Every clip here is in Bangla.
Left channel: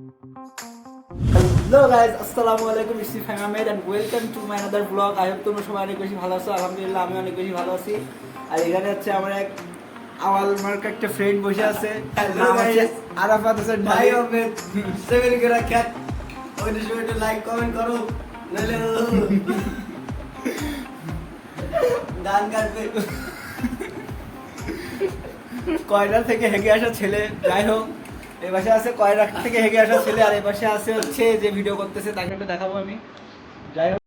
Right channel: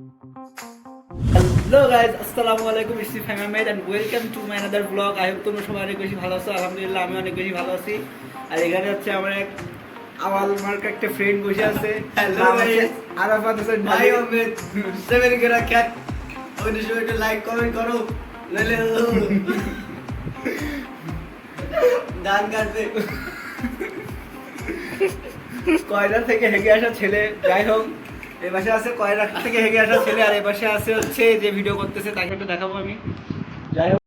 হ্যালো গাইজ, আসসালামু আলাইকুম। It's me Fahim Ahmed and welcome to my another blog. I hope তোমরা সবাই অনেক বেশি ভালো আছো। আলহামদুলিল্লাহ আমি অনেক বেশি ভালো আছি। আর এখানে হচ্ছে আমার এক আওয়াল মার্কা একটা ফ্রেন্ড বসে আছে। হ্যালো গাইজ, আরাফাত হোসেন ভাই আহমেদ 7 করে রাখ। ওই ভিডিওতে লাইক কমেন্ট করো, নালে গান গাইতে। কয়লা থেকে হেগে আসা ছেলে। যাই হোক, এই পাশে আছে কয়লা থেকে হেগে আসা ছেলে, আর এই পাশে আছে হচ্ছে যে ভিডিও করতেছে, তাকে একটু দেখাবো আমি। যাই হোক,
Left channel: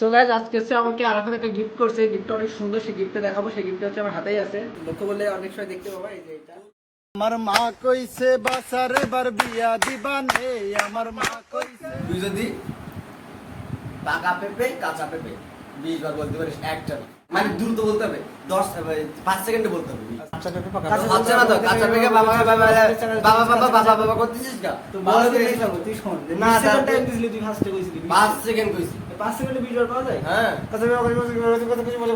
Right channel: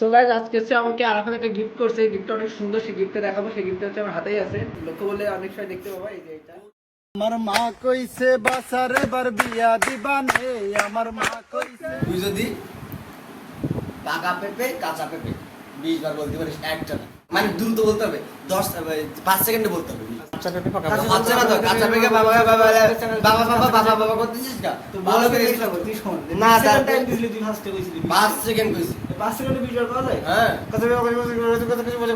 তো গাইজ আজকে হচ্ছে আমাকে আরাফাত একটা গিফট করছে। গিফটটা অনেক সুন্দর, সেই গিফটটা দেখাবো। সেই গিফটটা হচ্ছে আমার হাতেই আছে, লক্ষ্য করলে অনেক সময় দেখতে পাবো। এই যে এটা আমার মা কইছে বাসারে বার বিয়া দিবানে, আমার মা কইছে। তুই যদি পাকা পেঁপে কাঁচা পেঁপে 20 বার বলতে পারিস, একটা না, মানে দ্রুত বলতে হবে, 5 সেকেন্ডে বলতে হবে। আচ্ছা পেপে পাকা আচ্ছা না তো কাঁচা পেঁপে বাবা বাবা বাবা বাবা বাবা বাবা করতেছিস না তো বলো বলো কে কে খাবো তুই শোন না, না তারপরে- টাইম দিছিলি তুই ফার্স্টে কইছিলি 5 সেকেন্ড কইছি। 5 সেকেন্ডে ভিডিও পাওয়া যায়। হ্যাঁ কথা বলে কথা বলে কথা বলে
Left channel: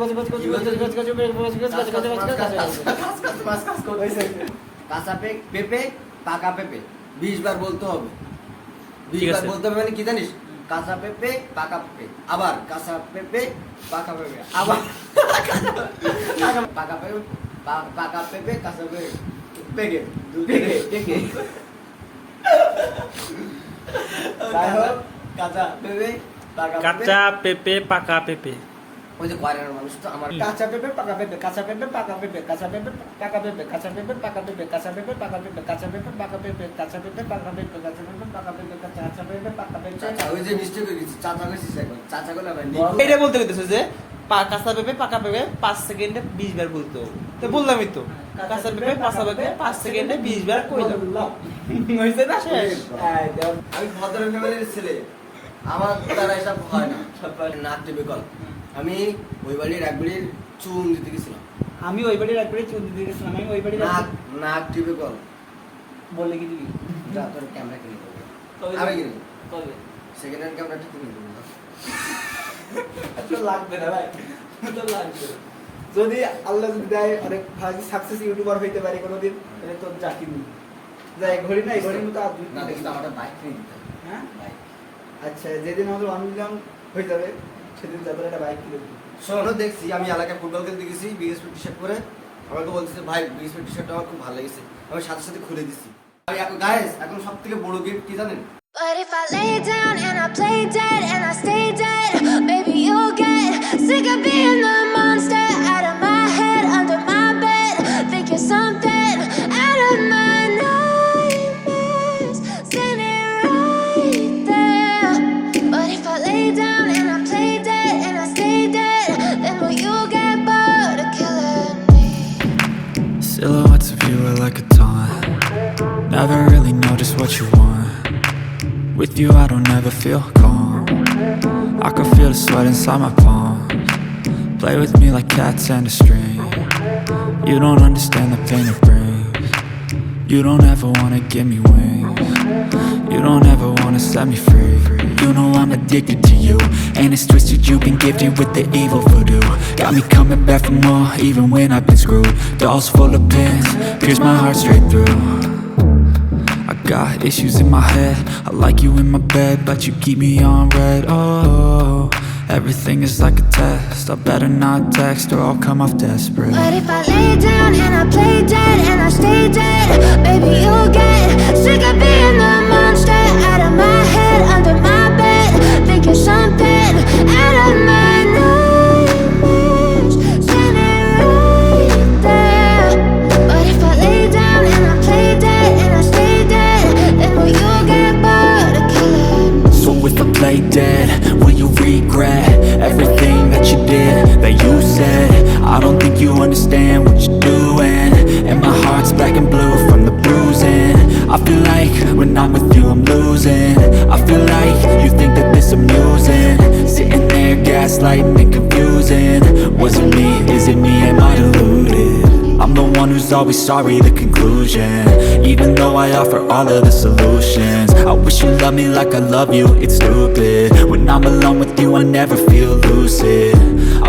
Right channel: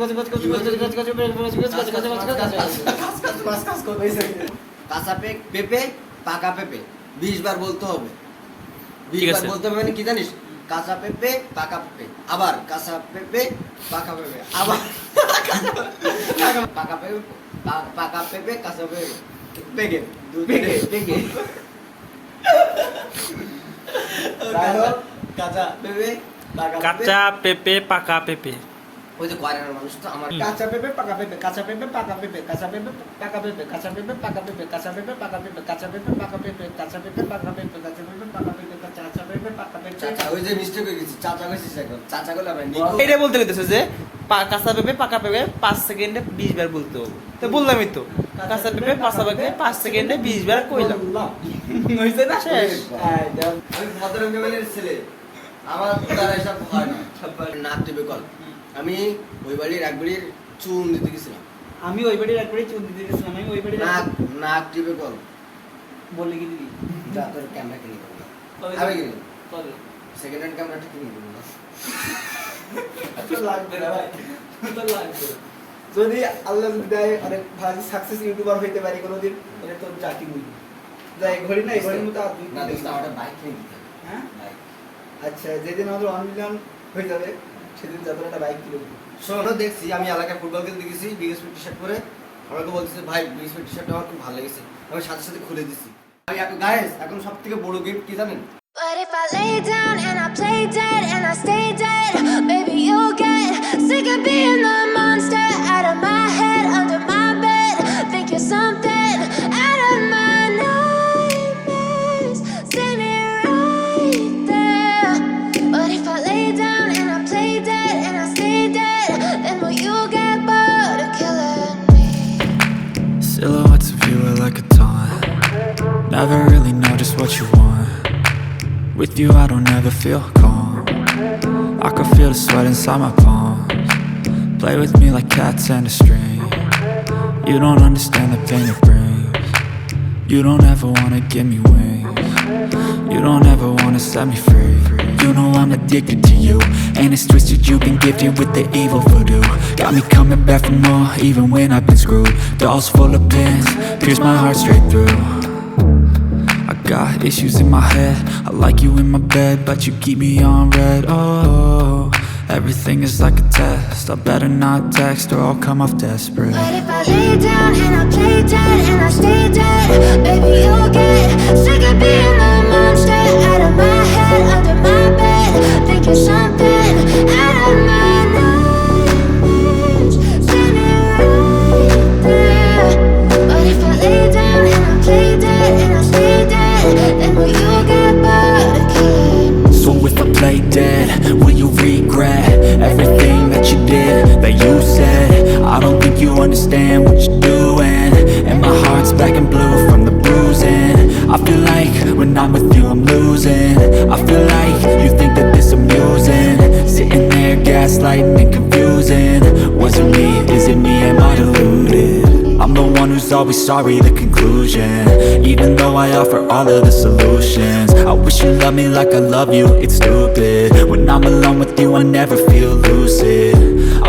কাঁচা পেঁপে পাকা পেঁপে 20 বার বলতে হবে। 20 বার বলতে হবে মানে কি জানিস? কাঁচা পেঁপে পাকা পেঁপে, আবার কাঁচা পেঁপে পাকা পেঁপে, আবার পাকা পেঁপে পাকা পেঁপে কাঁচা পেঁপে পেকে পেকে পেকে কাঁচা পেঁপে কাঁচা পেঁপে পাকা পেঁপে। ওই যে কোয়ারের মানুষ তো আমার কাঁচা পেঁপে পাকা পেঁপে, কাঁচা পেঁপে পাকা পেঁপে, কাঁচা পেঁপে পাকা পেঁপে, কাঁচা পেঁপে পাকা পেঁপে, কাঁচা পেঁপে পাকা পেঁপে, কাঁচা পেঁপে পাকা পেঁপে, কাঁচা পেঁপে পাকা পেঁপে, কাঁচা পেঁপে পাকা পেঁপে, কাঁচা পেঁপে পাকা পেঁপে। চাচা ওই যে মিস্টেক হয়ে গেছে, চাচা কইছিস এখন চাচা কইলা ভাই এটা বলতে পেরেছো যে কাঁচা পেঁপে পাকা পেঁপে 5 সেকেন্ডে 20 বার বলতে হবে। তো বললামই তো, কাঁচা পেঁপে পাকা পেঁপে 5 সেকেন্ডে 20 বার কইলাম। হইছে না শেষ? আমি ভদ্র ফ্যামিলির ছেলে, আমার দ্বারা এসব হয় না। নাক টিপে কল। আমি ওই বাড়ির এক বাড়ির চুন দিতে গেছিলাম, আমি ওই বাড়ির একবারই চুন দিতে গেছিলাম। আমি ওই বাড়ির নাক নাক টিপে কল। বলে কি দিবি যা তোর ক্যামেরা কিনে দেবো, কবে আমি দিবি? কিনে কবে? সেকেন্ড হ্যান্ড ক্যামেরাটা কিনে দেবো না। তোর লাগবে না ভাই, তোর লাগবে। যদি আল্লাহ যদি দেয় অনেক ভালো সাকসেস ইউটিউবার হইতে পারি কোনোদিন, তাহলে তোর চাকরি নিবি। যাই ঘড়ি না, এই ঘড়ির মতো আর না দোস্ত, আমার বাইক কিনে দিতে হবে। হ্যাঁ বাইক। আচ্ছা, যেদিন আমাদের 1 মিলিয়ন হয়ে যাবে সেদিন যাদের একটা বাইক কিনে দিবি। শোনো, দেখছি আমি এলাকায় ফুটবল খেলতে গেছি বিএসপি টি শার্ট পরে, আমাকে বলতেছে ভাই বিএসপি টি শার্টটা আমার খুব ভালো লেগেছে, আমি সাথে সাথে খুলে দিছি। গাইস, এখন সব থেকে বড় গিফট কি জানেন? But if I lay down and I play dead and I stay dead, maybe you'll get sick of being the monster out of my head, under my bed. Think you're something out of my nightmares, standing right there. But if I lay down and I play dead and I stay dead, then will you get bored of killing me? Silhouettes of you are like a taunt. Never really know just what you want. With you I don't ever feel calm. I can feel the sweat inside my palms. Play with me like cats and a string. You don't understand the pain it brings. You don't ever wanna give me wings. You don't ever wanna set me free. You know I'm addicted to you, and it's twisted, you've been gifted with the evil voodoo. Got me coming back for more, even when I've been screwed. Dolls full of pins, pierce my heart straight through. I got issues in my head, I like you in my bed, but you keep me on red. Oh, everything is like a test, I better not text or I'll come off desperate. But if I lay down and I play dead and I stay dead, baby you'll get sick of being the monster out of my head, under my bed. Think you're something out of my nightmares, standing right there. But if I lay down and I play dead and I stay dead, then will you get bored of killing me? So if I play dead, will you regret everything that you did, that you said? I don't think you understand what you're doing, and my heart's black and blue from the bruising. I feel like when I'm with you I'm losing. I feel like you think that this amusing. Sitting there gaslighting and confusing. Was it me? Is it me? Am I deluded? I'm the one who's always sorry, the conclusion. Even though I offer all of the solutions. I wish you loved me like I love you, it's stupid. When I'm alone with you I never feel lucid.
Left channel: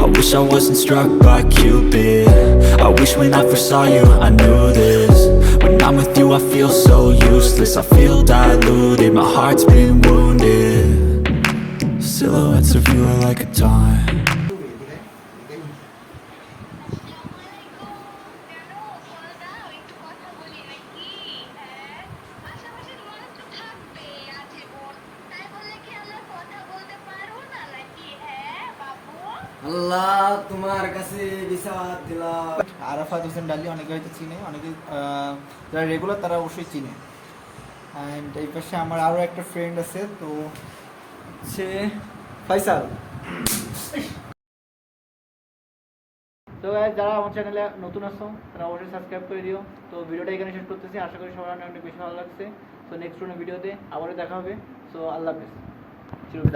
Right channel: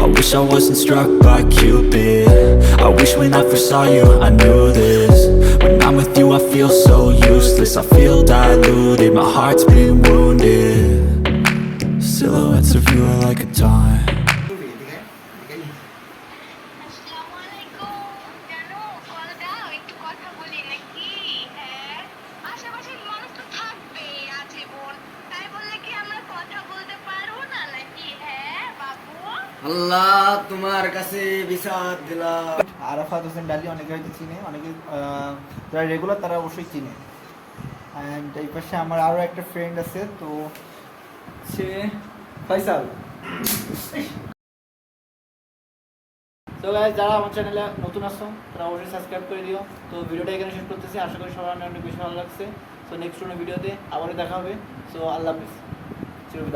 I wish I wasn't struck by Cupid. I wish when I first saw you I knew this. When I'm with you I feel so useless. I feel diluted, my heart's been wounded. Silhouettes of you are like a taunt. আসসালামু আলাইকুম জানো কল দাও একটু কথা বলি নাকি হ্যাঁ আশেপাশের মানুষ তো থাকবে আজীবন তাই বললে কি আমরা কথা বলতে পারবো না নাকি হ্যাঁ বাবু আল্লাহ তোমার কাছে বিচার দিলাম। আরাফাত হোসেন ডালি অনেকে হয়তো চিনে, অনেকে যারা রেগুলার তারা অবশ্যই চিনে। অ্যান্ড এই পাশে আমার আরও একটা ফ্রেন্ড আছে, তো সে ফয়সাল। তো গাইস যারা আমার চ্যানেলে নতুন আসো তারা অবশ্যই সাবস্ক্রাইব করে দিও। তো ভিডিওটা এখানে শেষ করতেছি, আশা করি সবার অনেক বেশি ভালো লাগছে। তো নেক্সট কোনো ভিডিওতে আবারও দেখা হবে। সো আল্লাহ হাফিজ।